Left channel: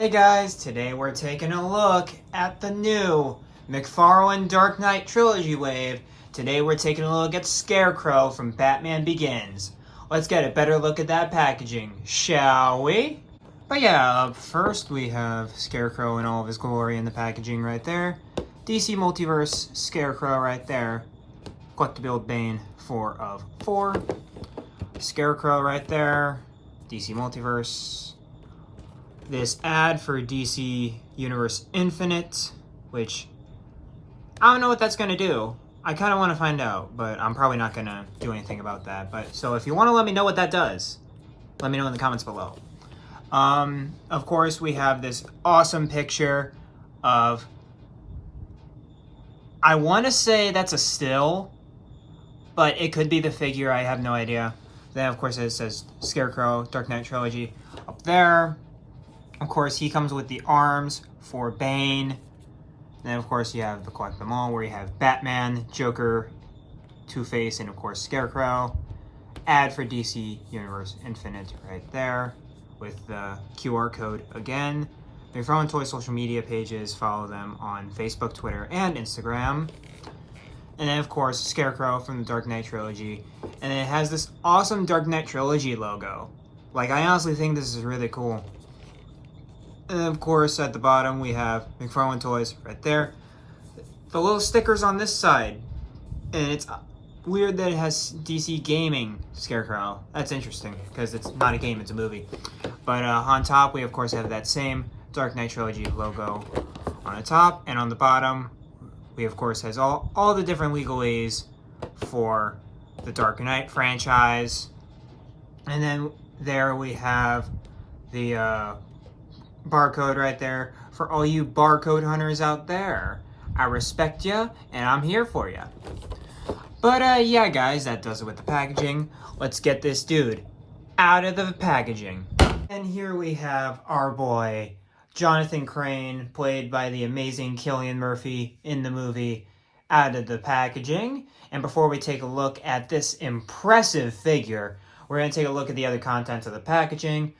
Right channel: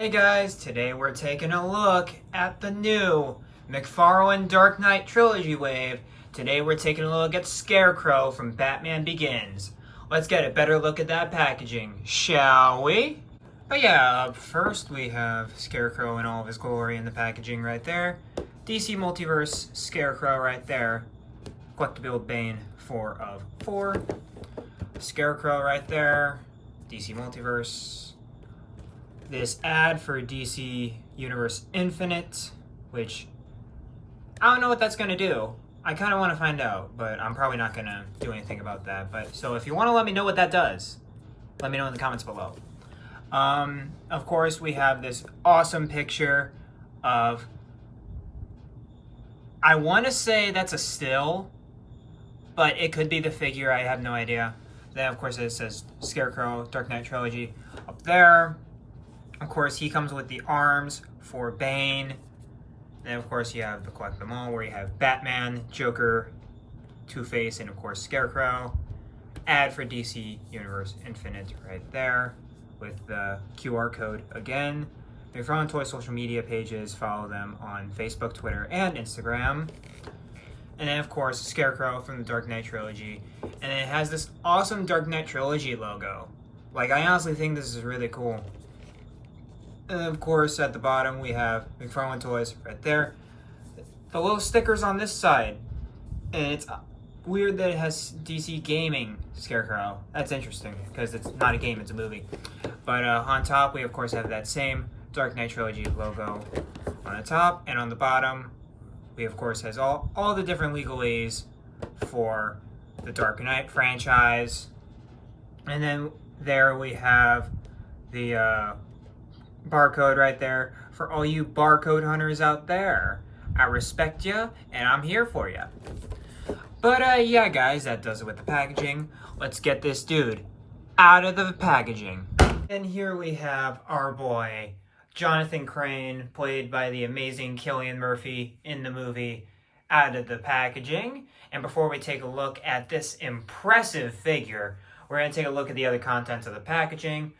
Hey guys, today we're taking a look at the new McFarlane Dark Knight Trilogy wave. Today we're taking a look at Scarecrow from Batman Begins. Let's get a better look at that packaging, shall we? But yeah, up first we have Scarecrow in all of his glory in the packaging right there. DC Multiverse Scarecrow right there. Collectible Bane 4 of 4. Scarecrow right there. DC Multiverse. This ad for DC Universe Infinite, which I don't know what that's going to do. I kind of want to find out, but I'm probably not going to do anything about that. But so if you want to let me know what that does, let me know in the comments below. Of course, we have this awesome picture of, I want to say that's a still, but it could be the figure. I have no idea. Then, of course, it says Scarecrow Dark Knight Trilogy up there. Of course, he comes with the arms for Bane. And of course, you have the collect them all, where you have Batman, Joker, Two-Face, and of course, Scarecrow. Ad for DC Universe Infinite right there with the QR code again. McFarlane Toy social media pages, follow them on Facebook, Twitter, and Instagram. And then, of course, Scarecrow from the Dark Knight Trilogy. And it has this awesome Dark Knight Trilogy logo. Like, I honestly think this is really cool. And of course, at the bottom, we have McFarlane Toys right there. The little stickers on this side. And it's weird that it has DC Gaming Scarecrow. That's interesting, because it's not a game, it's a movie. But on top, we of course have that same Dark Knight Trilogy logo on the top. And on the bottom, we of course has all the different legalese for the Dark Knight franchise. And then there we have the barcode right there for all you barcode hunters out there. I respect ya, and I'm here for ya. But yeah, guys, that does it with the packaging. Let's get this dude out of the packaging. And here we have our boy, Jonathan Crane, played by the amazing Cillian Murphy in the movie, out of the packaging. And before we take a look at this impressive figure, we're going to take a look at the other contents of the packaging.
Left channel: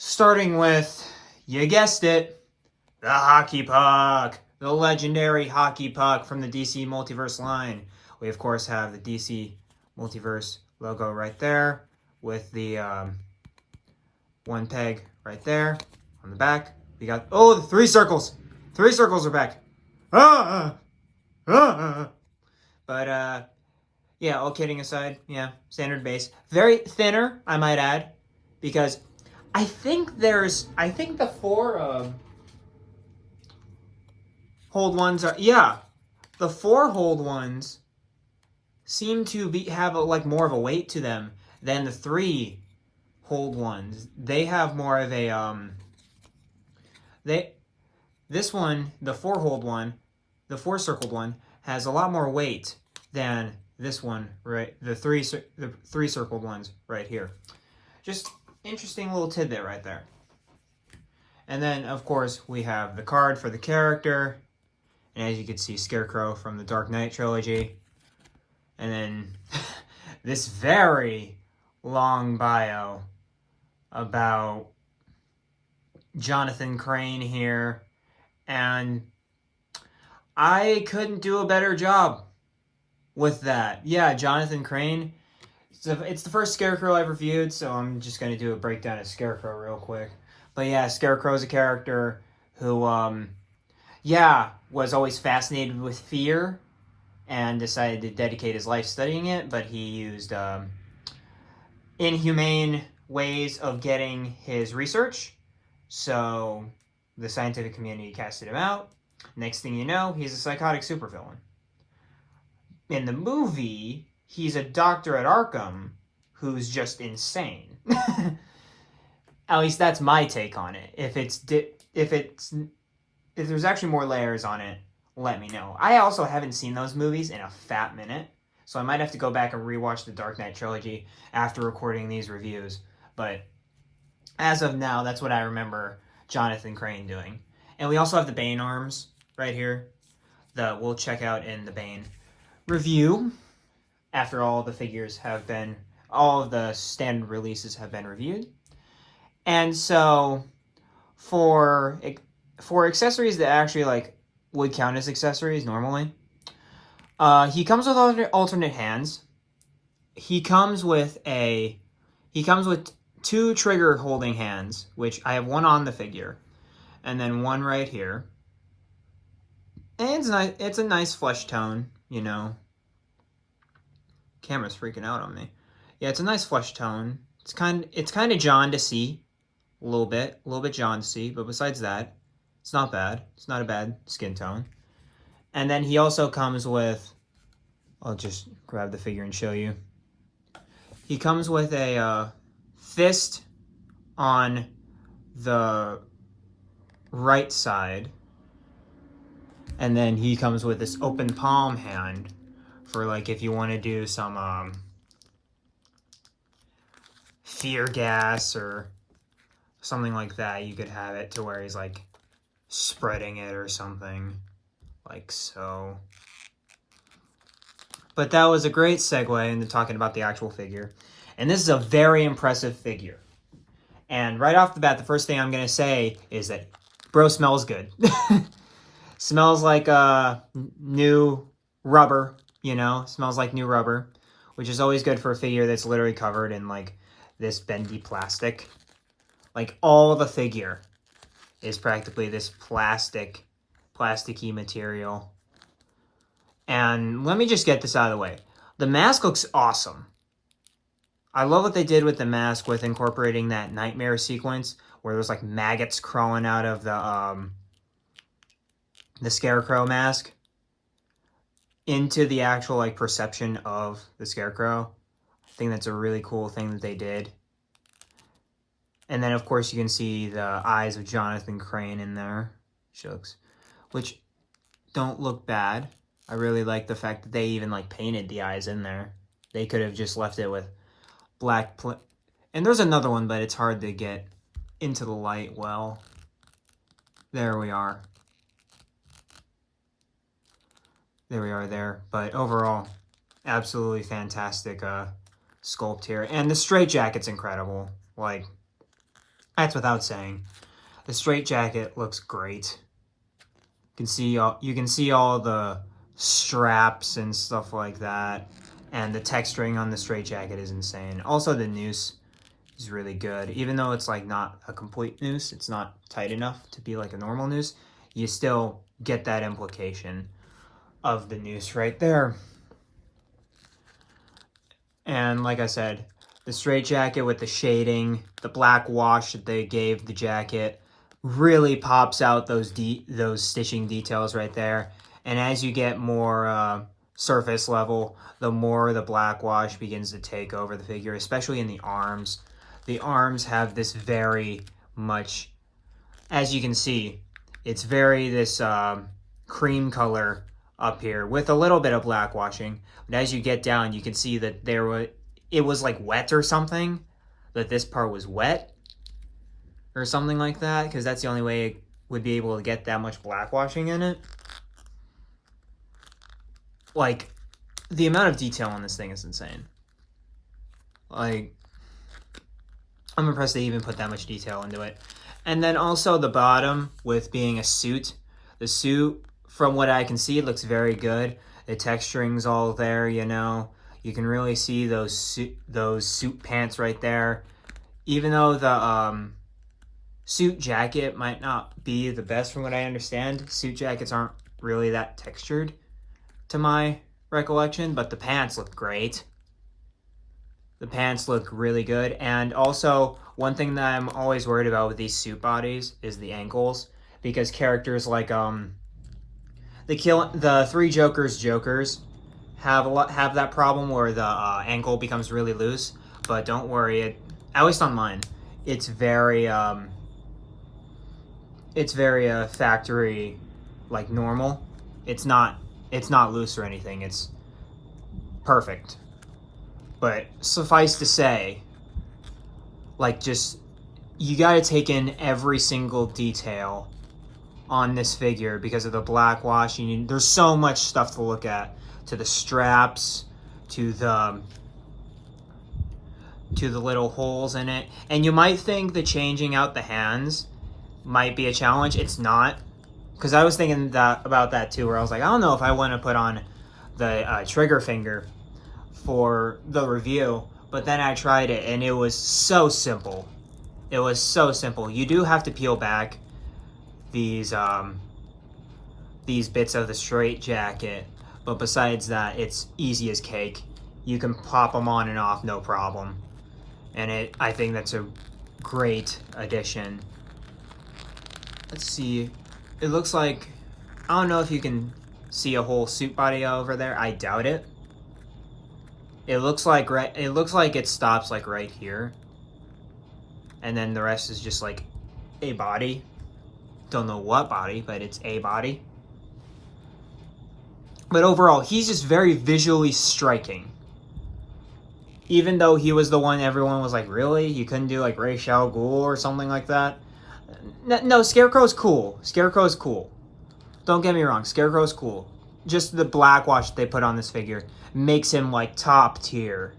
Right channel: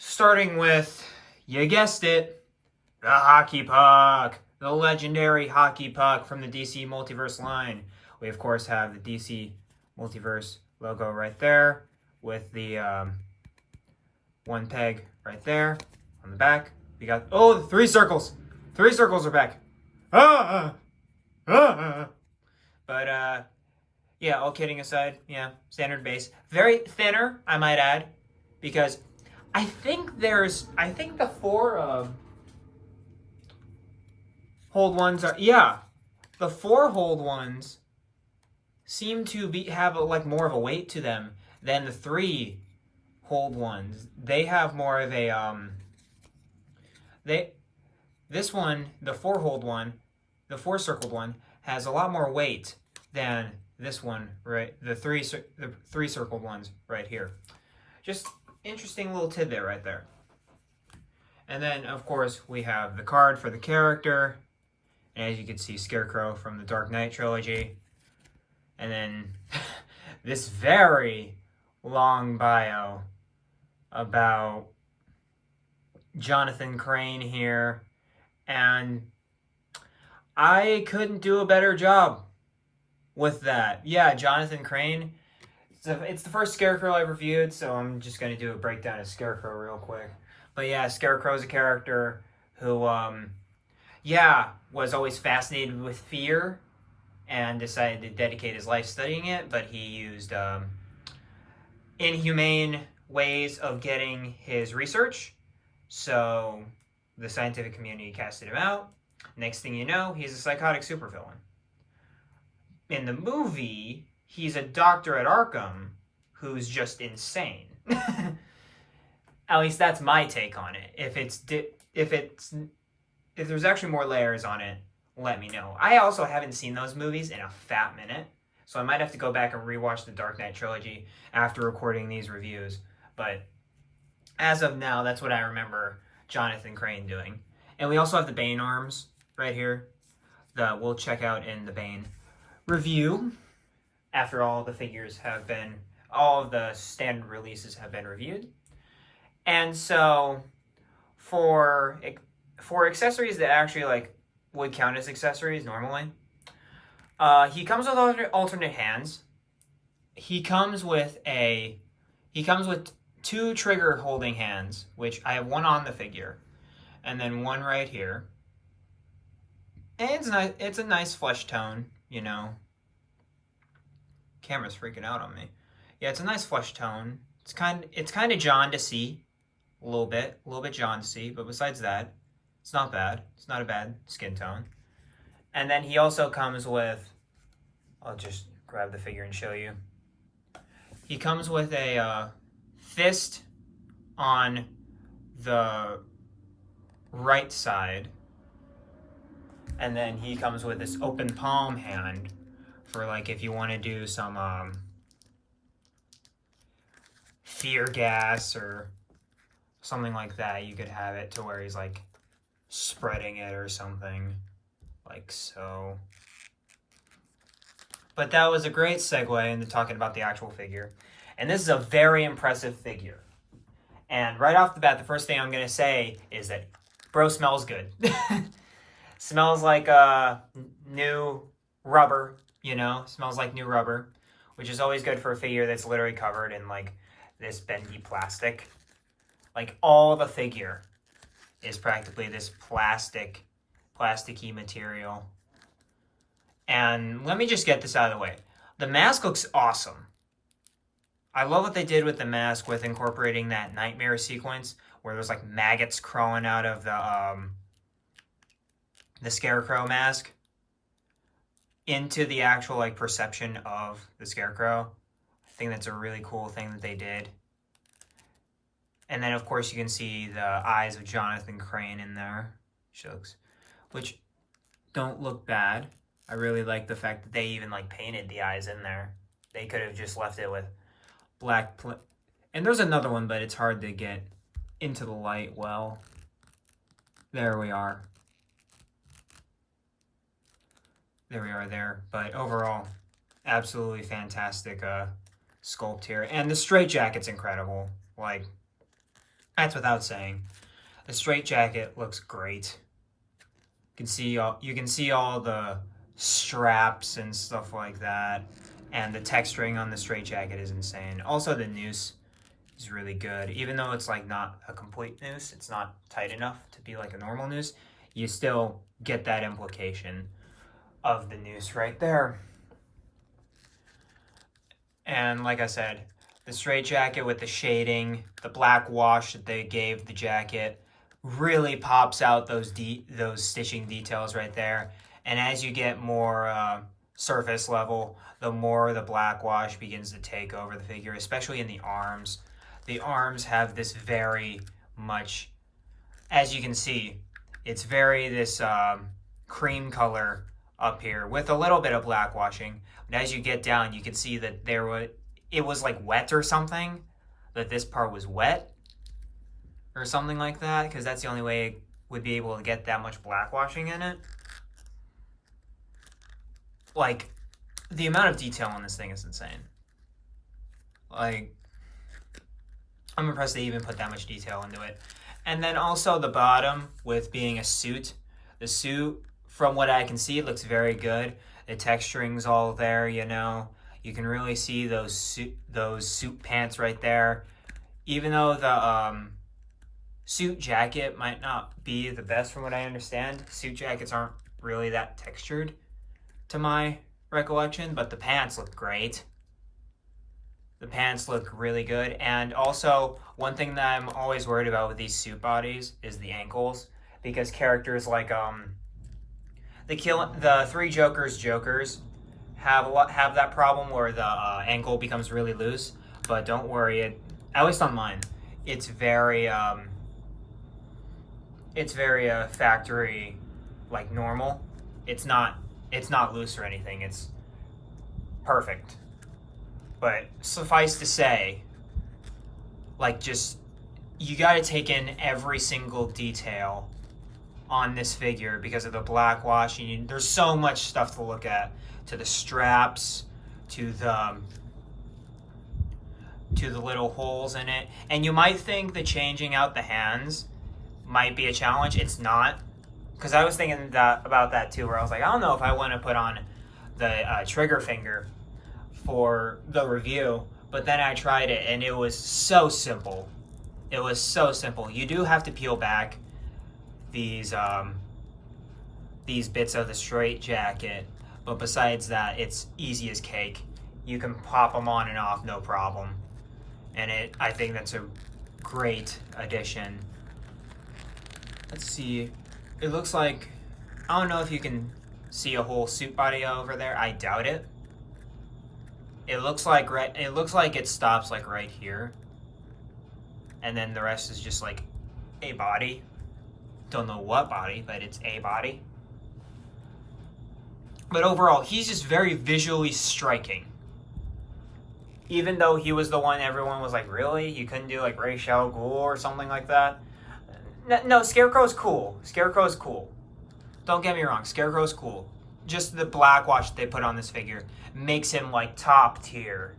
Starting with, you guessed it, the hockey puck. The legendary hockey puck from the DC Multiverse line. We, of course, have the DC Multiverse logo right there with the one peg right there on the back. We got, oh, the 3 circles. 3 circles are back. But, yeah, all kidding aside, yeah, standard base. Very thinner, I might add, because I think the 4 hold ones are, yeah, the 4 hold ones seem to have like more of a weight to them than the 3 hold ones. They have more of a this one, the 4 hold one, the 4 circled one, has a lot more weight than this one, right? The 3 circled ones right here. Just interesting little tidbit right there. And then, of course, we have the card for the character. And as you can see, Scarecrow from the Dark Knight Trilogy. And then this very long bio about Jonathan Crane here. And I couldn't do a better job with that. Yeah, Jonathan Crane. It's the first Scarecrow I've reviewed, so I'm just going to do a breakdown of Scarecrow real quick. But yeah, Scarecrow's a character who, yeah, was always fascinated with fear and decided to dedicate his life studying it, but he used inhumane ways of getting his research, so the scientific community casted him out. Next thing you know, he's a psychotic supervillain. In the movie, he's a doctor at Arkham who's just insane. At least that's my take on it. If there's actually more layers on it, let me know. I also haven't seen those movies in a fat minute, so I might have to go back and rewatch the Dark Knight Trilogy after recording these reviews. But as of now, that's what I remember Jonathan Crane doing. And we also have the Bane arms right here that we'll check out in the Bane review after all the figures have been, all of the standard releases have been reviewed. And so for accessories that actually like would count as accessories normally. He comes with alternate hands. He comes with two trigger holding hands, which I have one on the figure, and then one right here. And it's nice. It's a nice flesh tone, you know. Camera's freaking out on me. Yeah, it's a nice flesh tone. It's kind of John to see, a little bit John to see, but besides that, it's not bad. It's not a bad skin tone. And then he also comes with, I'll just grab the figure and show you. He comes with a fist on the right side, and then he comes with this open palm hand for like if you want to do some fear gas or something like that. You could have it to where he's like spreading it or something like so. But that was a great segue into talking about the actual figure. And this is a very impressive figure. And right off the bat, the first thing I'm going to say is that bro smells good. Smells like new rubber, you know? Smells like new rubber, which is always good for a figure that's literally covered in like this bendy plastic. Like all the figure is practically this plasticky material. And let me just get this out of the way. The mask looks awesome. I love what they did with the mask with incorporating that nightmare sequence where there's like maggots crawling out of the Scarecrow mask into the actual like perception of the Scarecrow. I think that's a really cool thing that they did. And then of course you can see the eyes of Jonathan Crane in there, which don't look bad. I really like the fact that they even like painted the eyes in there. They could have just left it with black and there's another one, but it's hard to get into the light well. There we are. There we are there. But overall, absolutely fantastic sculpt here. And the straitjacket's incredible. Like, that's without saying. The straitjacket looks great. You can see all the straps and stuff like that. And the texturing on the straitjacket is insane. Also, the noose is really good. Even though it's like not a complete noose, it's not tight enough to be like a normal noose, you still get that implication of the noose right there. And like I said, the straitjacket with the shading, the black wash that they gave the jacket really pops out those stitching details right there. And as you get more surface level, the more the black wash begins to take over the figure, especially in the arms. The arms have this very much, as you can see, it's very this cream color up here with a little bit of black washing. But as you get down, you can see that it was like wet or something, that this part was wet or something like that, because that's the only way it would be able to get that much black washing in it. Like, the amount of detail on this thing is insane. Like, I'm impressed they even put that much detail into it. And then also the bottom with being a suit. The suit, from what I can see, looks very good. The texturing's all there, you know. You can really see those suit pants right there. Even though the suit jacket might not be the best from what I understand, suit jackets aren't really that textured to my recollection, but the pants look great. The pants look really good. And also, one thing that I'm always worried about with these suit bodies is the ankles, because characters like the three Jokers have that problem where the ankle becomes really loose. But don't worry, at least on mine, it's very factory like normal. It's not loose or anything. It's perfect. But suffice to say, like, just, you gotta take in every single detail on this figure because of the black washing. There's so much stuff to look at, to the straps, to the little holes in it. And you might think that changing out the hands might be a challenge. It's not, because I was thinking about that too, where I was like, I don't know if I want to put on the trigger finger for the review, but then I tried it and it was so simple. It was so simple. You do have to peel back these bits of the straight jacket, but besides that, it's easy as cake. You can pop them on and off, no problem. And I think that's a great addition. Let's see. It looks like, I don't know if you can see a whole suit body over there. I doubt it. It looks like it stops like right here, and then the rest is just like a body. Don't know what body, but it's a body. But overall, he's just very visually striking. Even though he was the one everyone was like, really? You couldn't do like Ra's al Ghul or something like that? No, Scarecrow's cool. Scarecrow's cool. Don't get me wrong, Scarecrow's cool. Just the black wash they put on this figure makes him like top tier.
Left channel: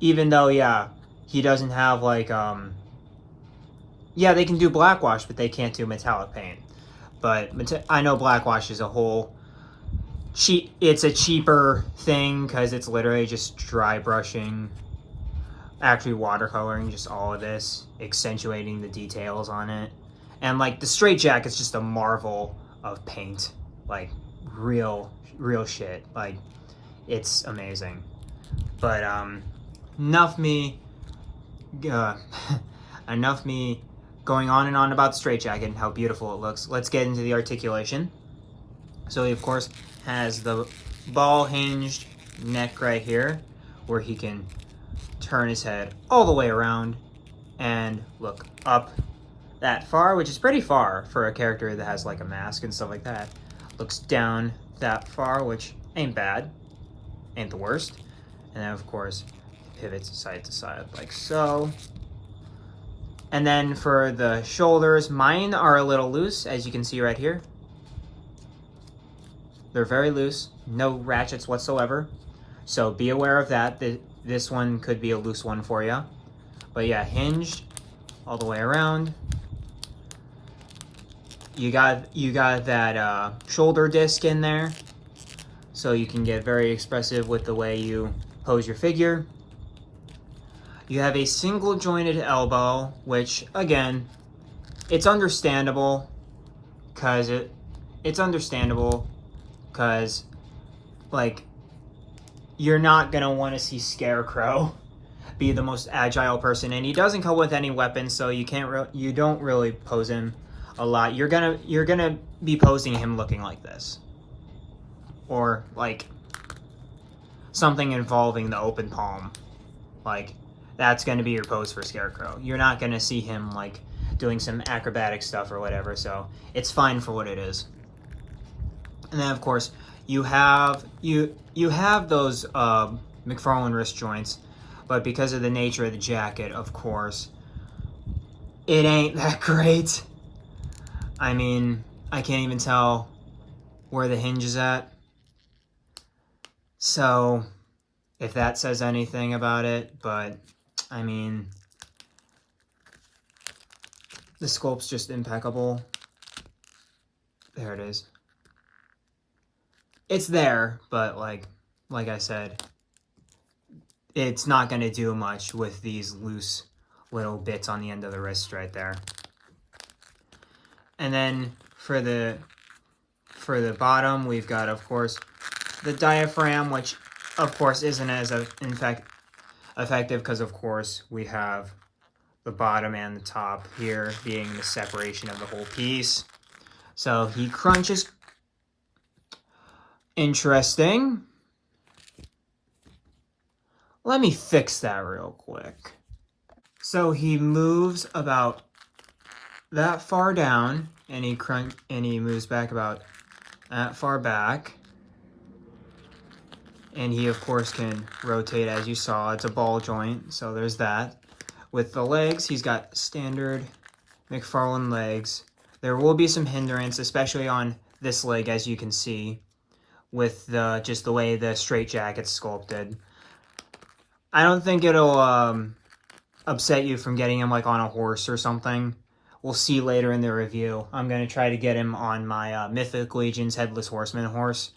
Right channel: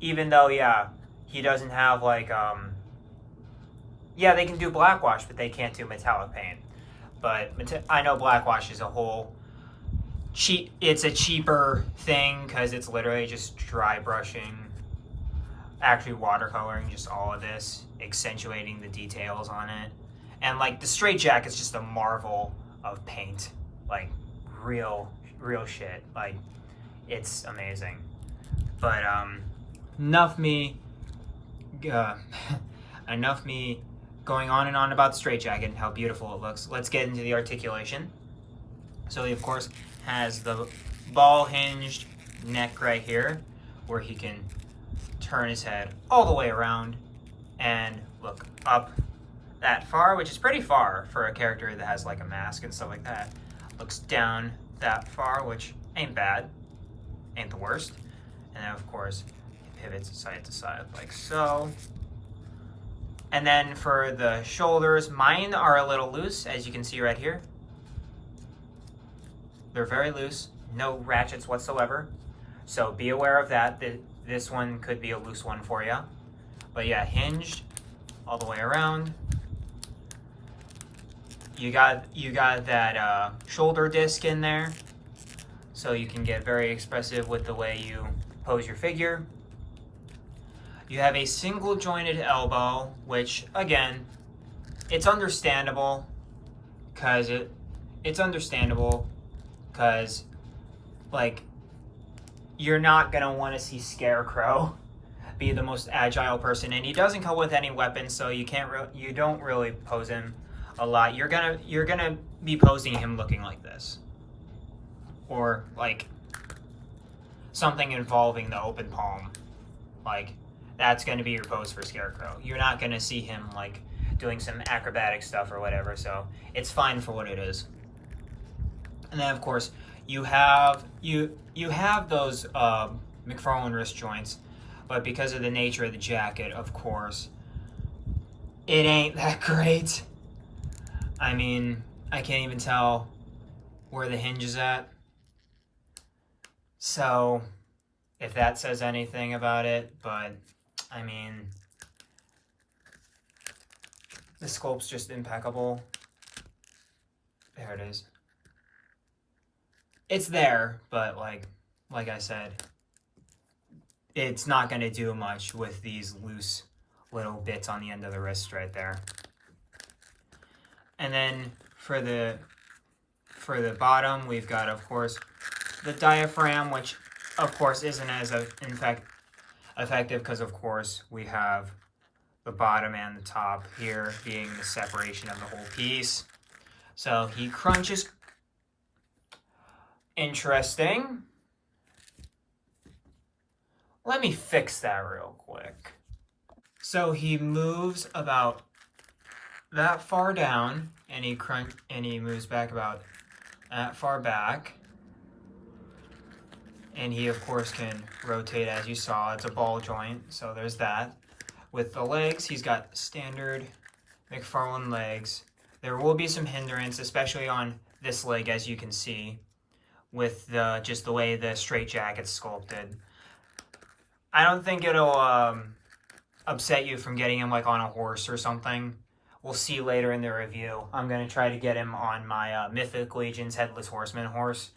Even though, yeah, he doesn't have like, yeah, they can do black wash, but they can't do metallic paint. But I know black wash is a whole it's a cheaper thing because it's literally just dry brushing, actually watercoloring, just all of this, accentuating the details on it. And like the straight jacket's just a marvel of paint, like real shit. Like it's amazing. But enough me going on and on about the straight jacket and how beautiful it looks. Let's get into the articulation. So he of course has the ball hinged neck right here where he can turn his head all the way around and look up that far, which is pretty far for a character that has like a mask and stuff like that. Looks down that far, which ain't bad, ain't the worst. And then of course pivots side to side like so. And then for the shoulders, mine are a little loose, as you can see right here. They're very loose, no ratchets whatsoever. So be aware of that. This one could be a loose one for you. But yeah, hinged all the way around. You got that shoulder disc in there, so you can get very expressive with the way you pose your figure. You have a single jointed elbow, which again, it's understandable because like you're not gonna want to see Scarecrow be the most agile person, and he doesn't come with any weapons, so you don't really pose him a lot. You're gonna be posing him looking like this, or like something involving the open palm. Like that's gonna be your pose for Scarecrow. You're not gonna see him like doing some acrobatic stuff or whatever, so it's fine for what it is. And then of course you have those McFarlane wrist joints, but because of the nature of the jacket, of course, it ain't that great. I mean, I can't even tell where the hinge is at. So, if that says anything about it, but I mean, the sculpt's just impeccable. There it is. It's there, but like I said, it's not going to do much with these loose little bits on the end of the wrist right there. And then for the bottom, we've got, of course, the diaphragm, which of course isn't as effective because of course we have the bottom and the top here being the separation of the whole piece. So he crunches. Interesting. Let me fix that real quick. So he moves about that far down, and he moves back about that far back. And he of course can rotate, as you saw. It's a ball joint, so there's that. With the legs, he's got standard McFarlane legs. There will be some hindrance, especially on this leg, as you can see, with just the way the straight jacket's sculpted. I don't think it'll upset you from getting him like on a horse or something, we'll see later in the review. I'm going to try to get him on my Mythic Legion's Headless Horseman horse.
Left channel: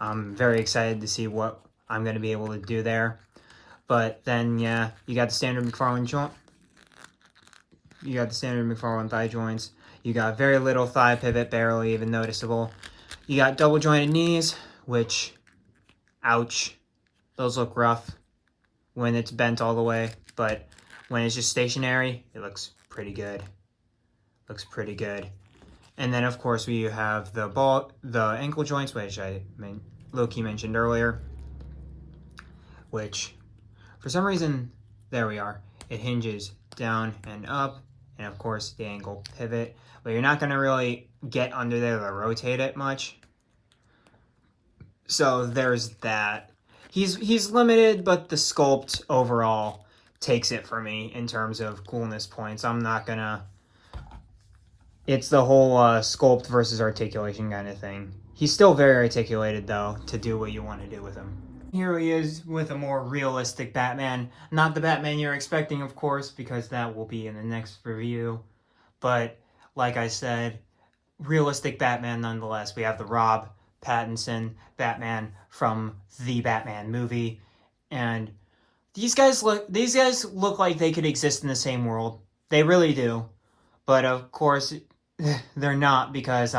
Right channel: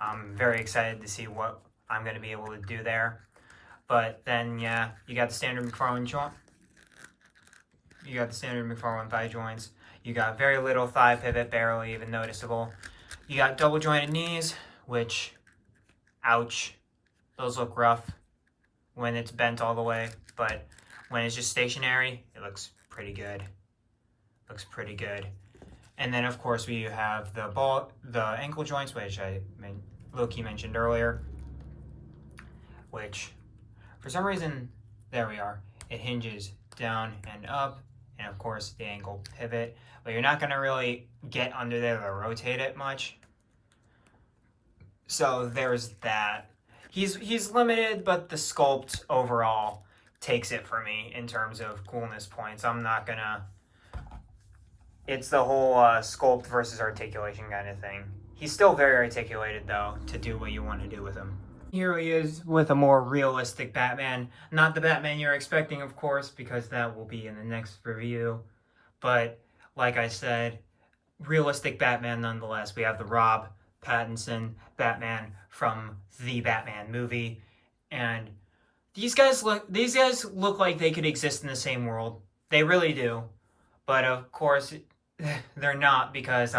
I'm very excited to see what I'm going to be able to do there. But then, yeah, you got the standard McFarlane joint. You got the standard McFarlane thigh joints. You got very little thigh pivot, barely even noticeable. You got double jointed knees, which, ouch, those look rough when it's bent all the way. But when it's just stationary, it looks pretty good. Looks pretty good. And then, of course, we have the ankle joints, which I low-key mentioned earlier, which, for some reason, there we are. It hinges down and up, and of course, the ankle pivot. But you're not going to really get under there to rotate it much. So there's that. He's limited, but the sculpt overall takes it for me in terms of coolness points. I'm not going to... It's the whole sculpt versus articulation kind of thing. He's still very articulated, though, to do what you want to do with him. Here he is with a more realistic Batman. Not the Batman you're expecting, of course, because that will be in the next review. But, like I said, realistic Batman nonetheless. We have the Rob Pattinson Batman from the Batman movie. And these guys look like they could exist in the same world. They really do. But, of course, they're not, because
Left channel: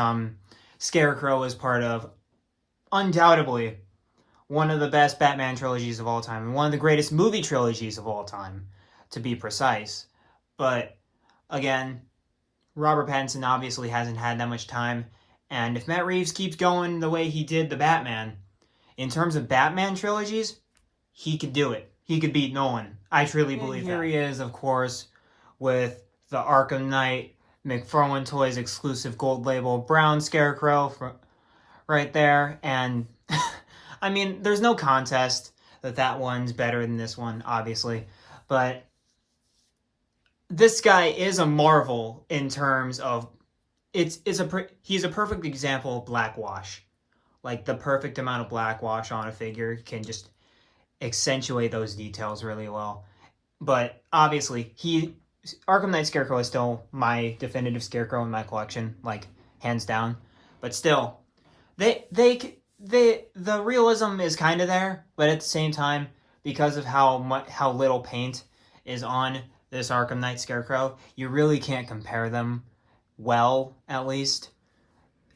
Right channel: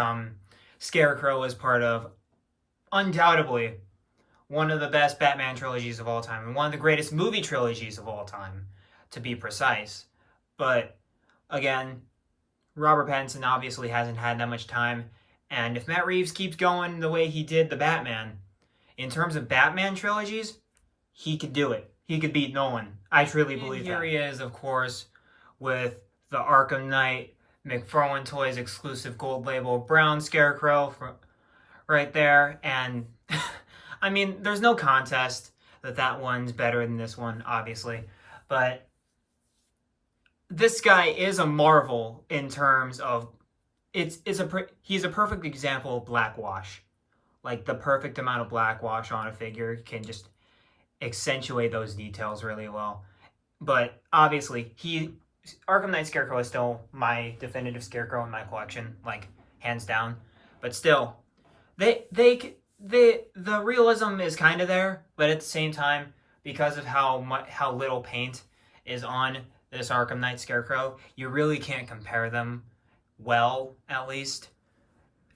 Scarecrow is part of, undoubtedly, one of the best Batman trilogies of all time, and one of the greatest movie trilogies of all time, to be precise. But, again, Robert Pattinson obviously hasn't had that much time, and if Matt Reeves keeps going the way he did the Batman, in terms of Batman trilogies, he could do it. He could beat Nolan. I truly believe that. Here he is, of course, with the Arkham Knight McFarlane Toys exclusive gold label brown Scarecrow right there, and I mean, there's no contest that one's better than this one, obviously, but this guy is a marvel in terms of he's a perfect example of black wash. Like, the perfect amount of black wash on a figure can just accentuate those details really well. But obviously, Arkham Knight Scarecrow is still my definitive Scarecrow in my collection, like, hands down. But still, the realism is kind of there, but at the same time, because of how little paint is on this Arkham Knight Scarecrow, you really can't compare them well, at least.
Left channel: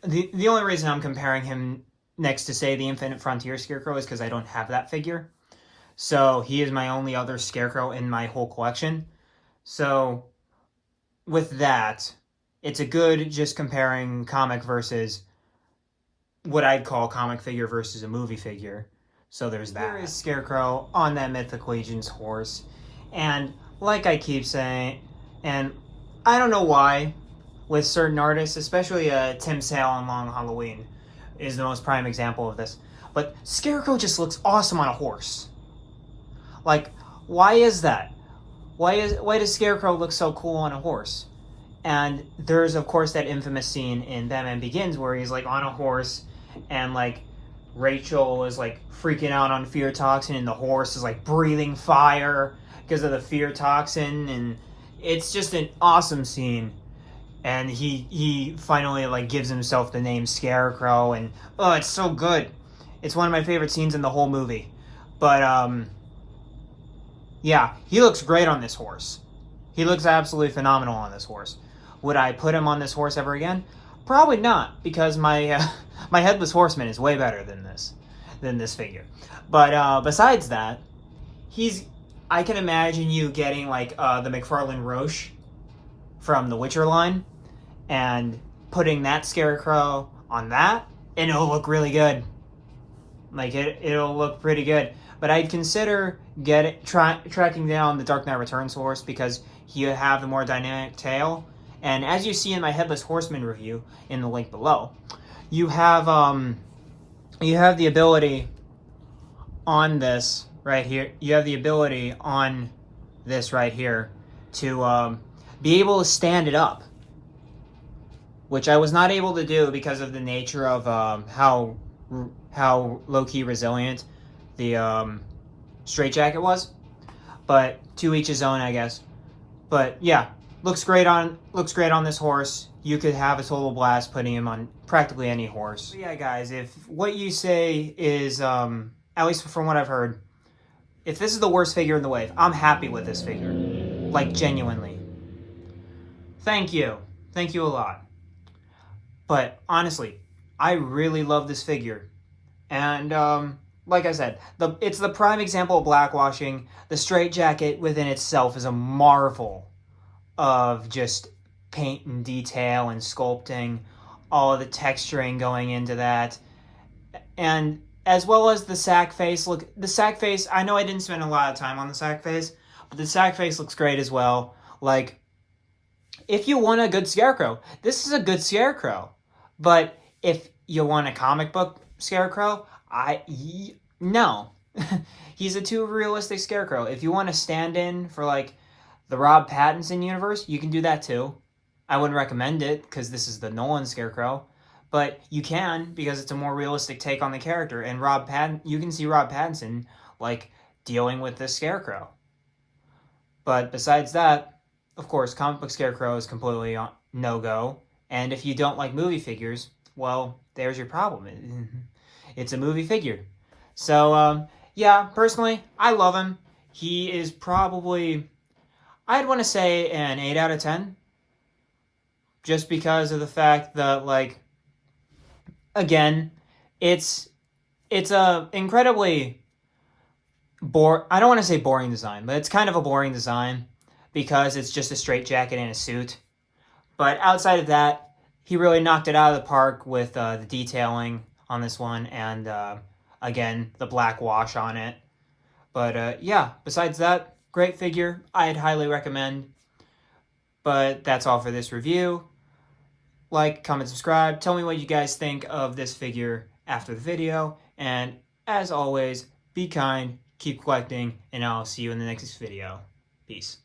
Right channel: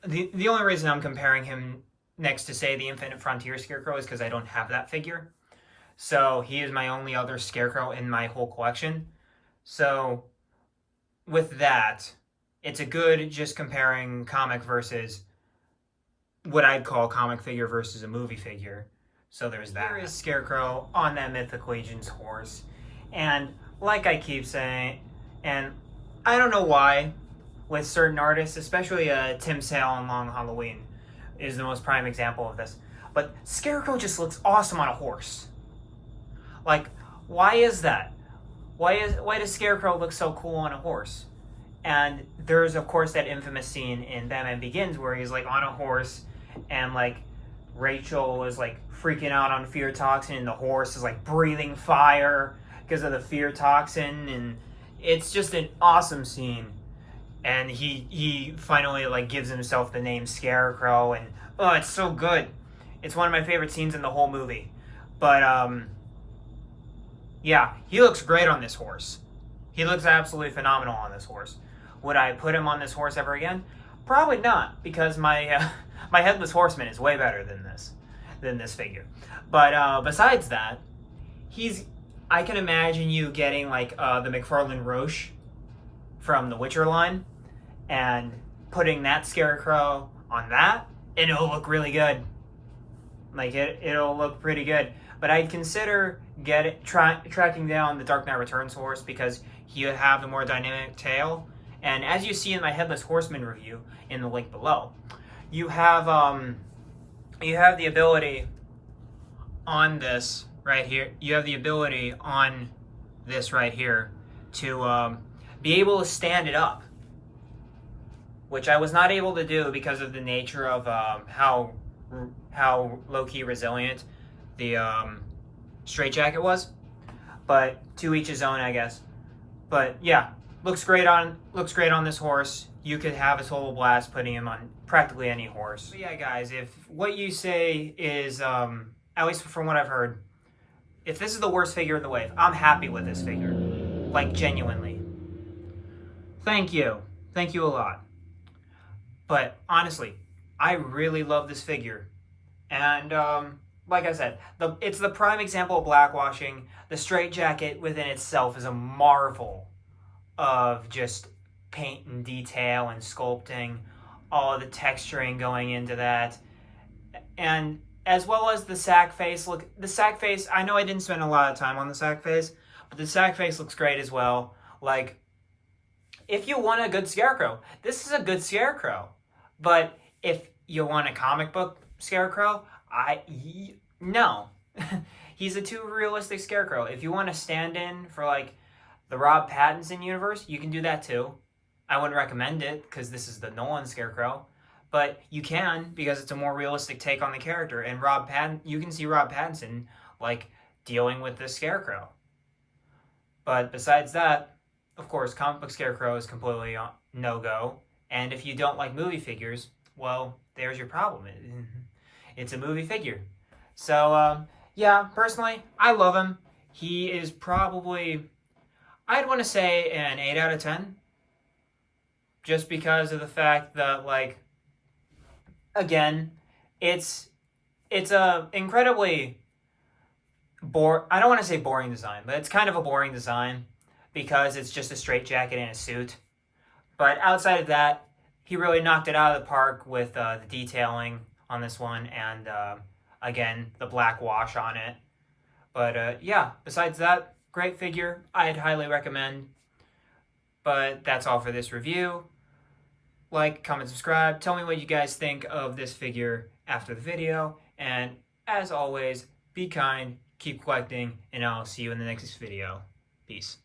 The only reason I'm comparing him next to, say, the Infinite Frontier Scarecrow is because I don't have that figure. So he is my only other Scarecrow in my whole collection. So, with that, it's a good just comparing comic versus what I'd call comic figure versus a movie figure. So there's that. Here is Scarecrow on that Mythic Legion's horse. And like I keep saying, and I don't know why, with certain artists, especially Tim Sale on Long Halloween is the most prime example of this, but Scarecrow just looks awesome on a horse. Like, why is that? Why does Scarecrow look so cool on a horse? And there's, of course, that infamous scene in Batman Begins where he's, like, on a horse and, like, Rachel is, like, freaking out on fear toxin and the horse is, like, breathing fire because of the fear toxin, and it's just an awesome scene. And he finally, like, gives himself the name Scarecrow, and, oh, it's so good. It's one of my favorite scenes in the whole movie. But, yeah, he looks great on this horse. He looks absolutely phenomenal on this horse. Would I put him on this horse ever again? Probably not, because my my Headless Horseman is way better than this figure. But besides that, I can imagine you getting, like, the McFarlane Roche from the Witcher line and putting that Scarecrow on that, and it'll look really good. Like, it'll look pretty good. But I'd consider tracking down the Dark Knight Returns horse because you have the more dynamic tail. And as you see in my Headless Horseman review in the link below, you have the ability on this right here. You have the ability on this right here to be able to stand it up, which I was not able to do because of the nature of how low-key resilient the straitjacket was. But to each his own, I guess. But yeah, looks great on this horse. You could have a total blast putting him on practically any horse. But yeah, guys, if what you say is, at least from what I've heard, if this is the worst figure in the wave, I'm happy with this figure. Like, genuinely. Thank you. Thank you a lot. But honestly, I really love this figure. And like I said, it's the prime example of blackwashing. The straitjacket within itself is a marvel of just paint and detail and sculpting, all of the texturing going into that. And as well as the sack face. Look, the sack face, I know I didn't spend a lot of time on the sack face, but the sack face looks great as well. Like, if you want a good Scarecrow, this is a good Scarecrow. But if you want a comic book Scarecrow, no. He's a too realistic Scarecrow. If you want to stand in for, like, the Rob Pattinson universe, you can do that too. I wouldn't recommend it, because this is the Nolan Scarecrow. But you can, because it's a more realistic take on the character. And you can see Rob Pattinson, like, dealing with this Scarecrow. But besides that, of course, comic book Scarecrow is completely no-go. And if you don't like movie figures, well, there's your problem. It's a movie figure. So, yeah, personally, I love him. He is probably, I'd want to say an 8 out of 10. Just because of the fact that, like, again, it's a incredibly I don't want to say boring design, but it's kind of a boring design because it's just a straitjacket and a suit. But outside of that, he really knocked it out of the park with the detailing on this one and, again, the black wash on it. But, yeah, besides that, great figure. I'd highly recommend. But that's all for this review. Like, comment, subscribe. Tell me what you guys think of this figure after the video. And, as always, be kind, keep collecting, and I'll see you in the next video. Peace.